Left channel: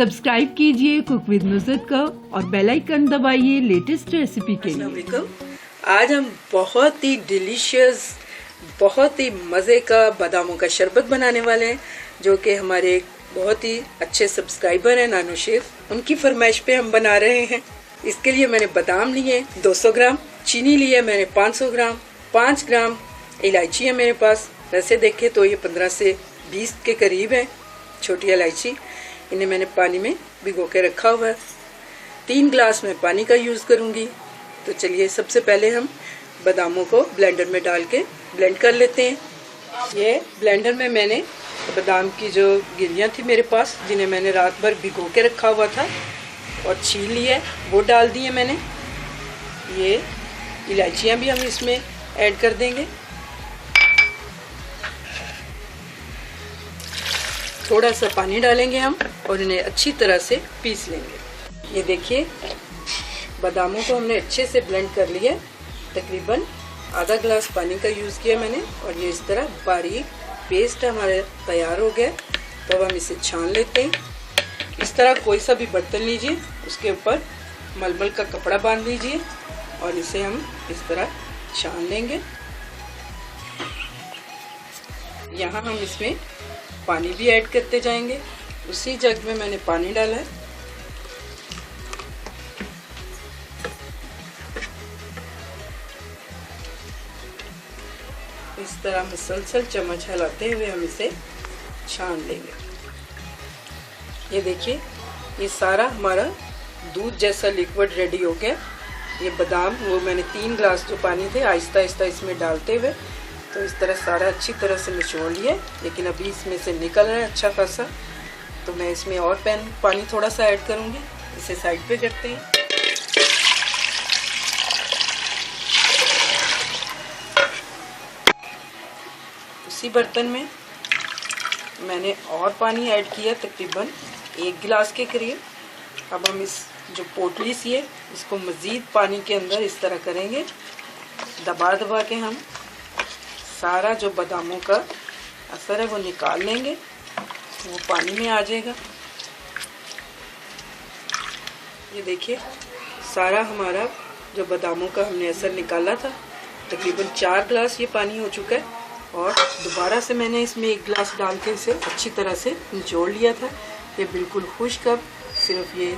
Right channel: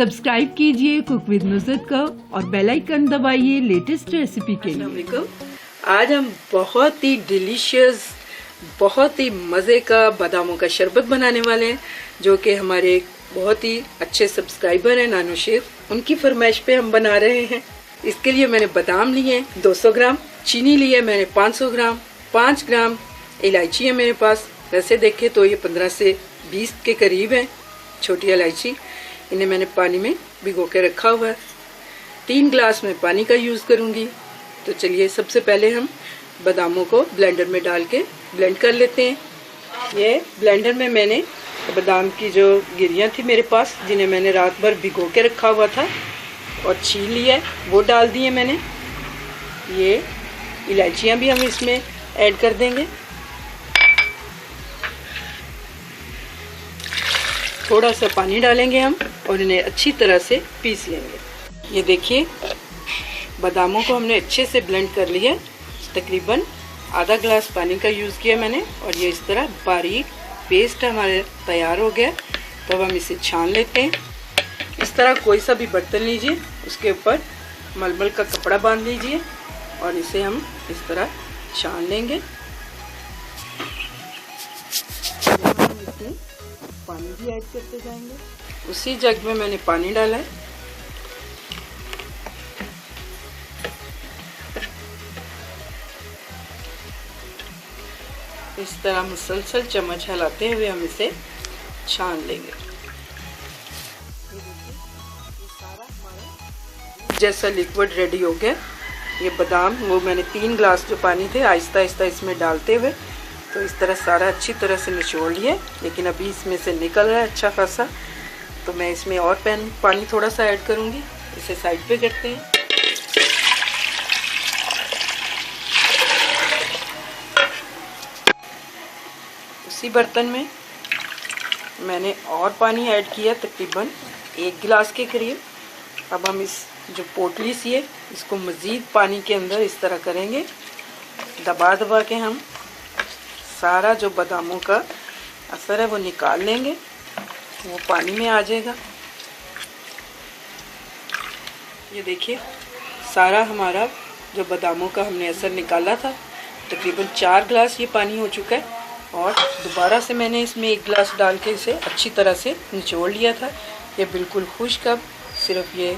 Subscribe कीजिए cook with Nusrat को और बेल आइकन दबाइए लेटेस्ट रेसिपी के लिए। आज हम बहुत ही डिलीशियस, बहुत ही मज़े का बादामों का शरबत बनाने वाले हैं, जो कि हमारे एक बहुत ही अच्छे सब्सक्राइबर हैं नानो शेफ, उनकी फरमाइश पे हम बना रहे हैं। इसके लिए मैंने बादाम लिए 200 ग्राम, चीनी ली है मैंने 500 ग्राम, 5 ग्राम इलायची है मेरे पास। वैसे देखें तो ये 15 से 20 के करीब है छोटी इलायची। इन्हें मैंने पानी में भिगो के रखा हुआ है। 3 ग्लास में पानी का यूज़ करूँगी। तो चलिए सबसे पहले हम बादामों को ब्लेंडर में डाल के ब्लेंड कर लेते हैं। ये ब्लेंडर में मैंने बादाम की जो गिरियाँ थी मेरे पास, जिन्हें मैंने रात भर भिगो के रखा हुआ था और छील लिया है, वो डाल दिए मैंने। ये इलायचियाँ भी हम इसमें ऐड कर देंगे। थोड़ा सा पानी डालेंगे हम और इन्हें अच्छी तरह से पीस लेंगे। ये देखिए बादामों को हमने अच्छे से ब्लेंड कर लिया। तकरीबन आधा ग्लास पानी का यूज़ किया मैंने और ये इस तरह बारीक पेस्ट हमारे तैयार हो गया। तो अब हम इसे छान लेते हैं। इस तरह कोई सा भी बर्तन लीजिए, उसके ऊपर मलमल का कपड़ा बांध लीजिए और इसे हम इस तरह छान लेंगे। यहाँ हम इसमें पानी भी ऐड करते जाएंगे। उसी जग में मैंने पानी डाला है। इस तरह मुसलसल चम्मच हिलाते हुए हम इसे छान लेंगे। ये देखिए ये सारा हमारा दूध जैसा लिक्विड रेडी हो गया। ये बादाम वो मैंने 3 ग्लास जो पानी थे आहिस्ता आहिस्ता इसमें डालते हुए तो इस तरह सारा अच्छी तरह से निचोड़ लिया। लेकिन अभी इसमें से निकल रहा है अच्छा खासा, तो मैं इसमें और पानी थोड़ा सा ऐड करूँगी। इसे साइड पे करते हैं। उसी बर्तन में मैंने और पानी ऐड किया तकरीबन 1 गिलास के करीब। अब हम इस जो पोटली सी है इसको मज़ीद पानी के अंदर इस तरह करेंगे, दबा दबा के हम सारा जो बादामों का असर है वो निकाल लेंगे। वो पानी में आ जाएगा। ये देखिए सारा हमारा जो बादामों का हमने असर निकाला था, तकरीबन 4 ग्लास ये पानी हो चुका है। और दोबारा से मैंने इसमें 1 गिलास डाल के इसे अच्छी तरह से निचोड़ लिया था। ये बिल्कुल खुश्क, अब सिर्फ ये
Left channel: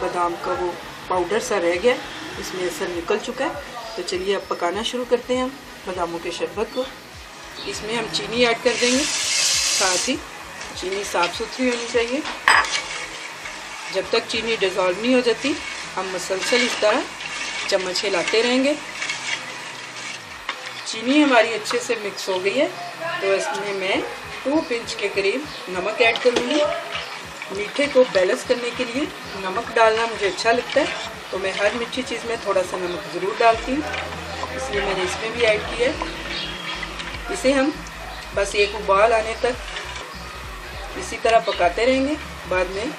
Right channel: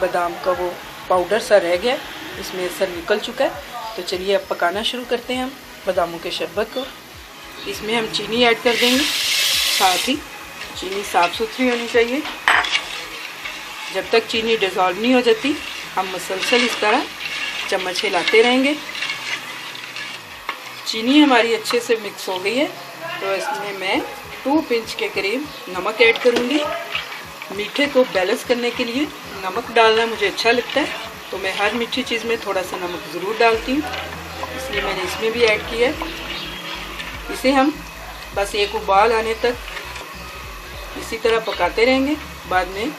बादाम का वो पाउडर सा रह गया, इसमें असर निकल चुका है। तो चलिए अब पकाना शुरू करते हैं हम बादामों के शरबत को। इसमें हम चीनी ऐड कर देंगे। साथ ही चीनी साफ़ सुथरी होनी चाहिए। जब तक चीनी डिज़ोल्व नहीं हो जाती हम मुसलसल इस तरह चम्मच हिलाते रहेंगे। चीनी हमारी अच्छे से मिक्स हो गई है, तो इसमें मैं 2 पिंच के करीब नमक ऐड करूँगी। मीठे को बैलेंस करने के लिए नमक डालना मुझे अच्छा लगता है, तो मैं हर मीठी चीज़ में थोड़ा सा नमक ज़रूर डालती हूँ, इसलिए मैंने इसमें भी ऐड किया है। इसे हम बस एक उबाल आने तक इसी तरह पकाते रहेंगे। बाद में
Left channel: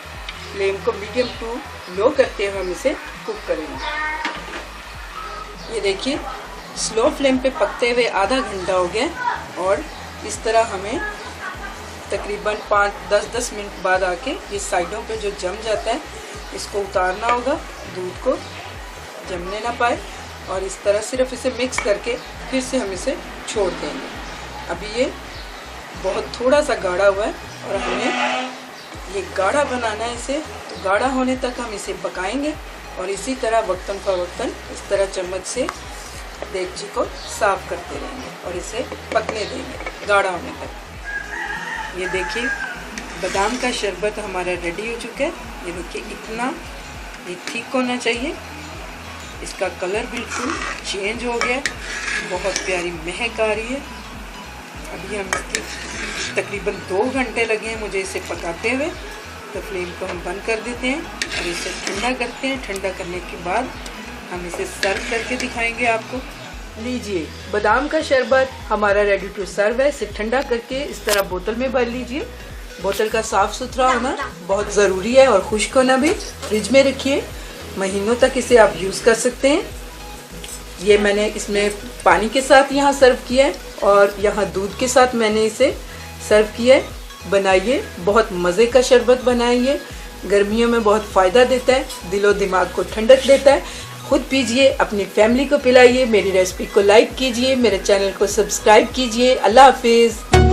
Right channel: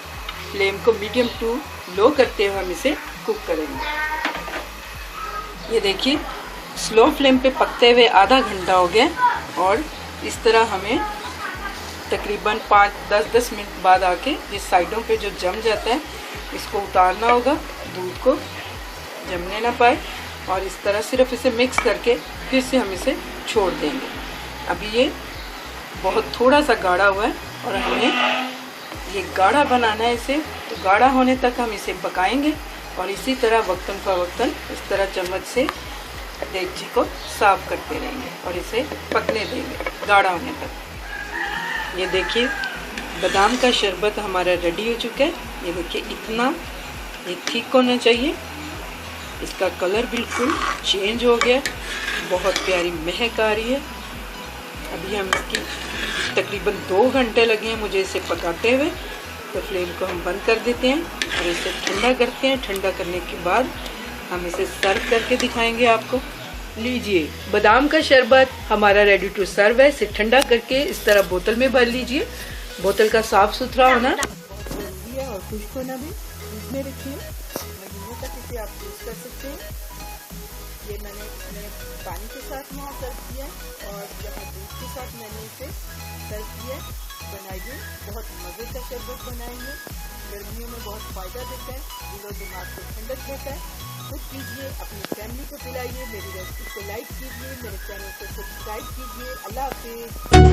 फ्लेम को मीडियम टू लो करते हुए हम इसे कुक करेंगे। ये देखिए स्लो फ्लेम पे पकते हुए आधा घंटा हो गया और इस तरह हमें तकरीबन 5-10 मिनट बाद आके ये साइडों पे जो जम जाता है इसको उतारना होगा, दूध को जमने ना पाए। और इस तरह सिर्फ इसे मिक्स करके फिर से हम इसे छोड़ देंगे। अभी ये बहुत थोड़ा सा गाढ़ा हुआ है और हमें ये गाढ़ा बनाना है इसे, तो गाढ़ा होने तक हम इसे पकाएंगे। और इसी तरह वक्तन फ़वक्तन इस तरह चम्मच से देगची को साफ करते रहेंगे और इसे पकने देंगे गाढ़ा होने तक। ये देखिए बादाम का शरबत हमारा रेडी हो चुका है। ये देखिए इतना ये थिक होना चाहिए। इसका कलर बिल्कुल चेंज हो गया, बहुत प्यारी महक आ रही है। अभी हम इसकी तकरीबन 2 घंटे लगे हैं मुझे इसे पकाते हुए। तो फ्लेम को हम बंद कर देते हैं और इसे ठंडा करते हैं। ठंडा करने के बाद हम इसे सर्व करके दिखाएंगे आपको। लीजिए बादाम का शरबत हमारा रेडी टू सर्व है। इसे ठंडा करके इस तरह बोतल में भर लीजिए। बोतल का साफ़ सुथरा होना बहुत ज़रूरी है और खुश्क होना भी। फ्रिज में रखिए, महीनों तक इसे आप यूज़ कर सकते हैं। ये मैंने इसमें पानी के साथ यहाँ सर्व किया है और यहाँ दूध के साथ मैंने इसे सर्व किया है। बनाइए, बहुत मज़े का शरबत बनाइए। गर्मियों में बहुत फ़ायदा देता है, दिलो दिमाग को ठंडक देता है। खुद पीजिए, अपनी फैमिली को पिलाइए। मेरी रेसिपी को लाइक कीजिए, मेरे चैनल को सब्सक्राइब कीजिए। अल्लाह हाफिज़।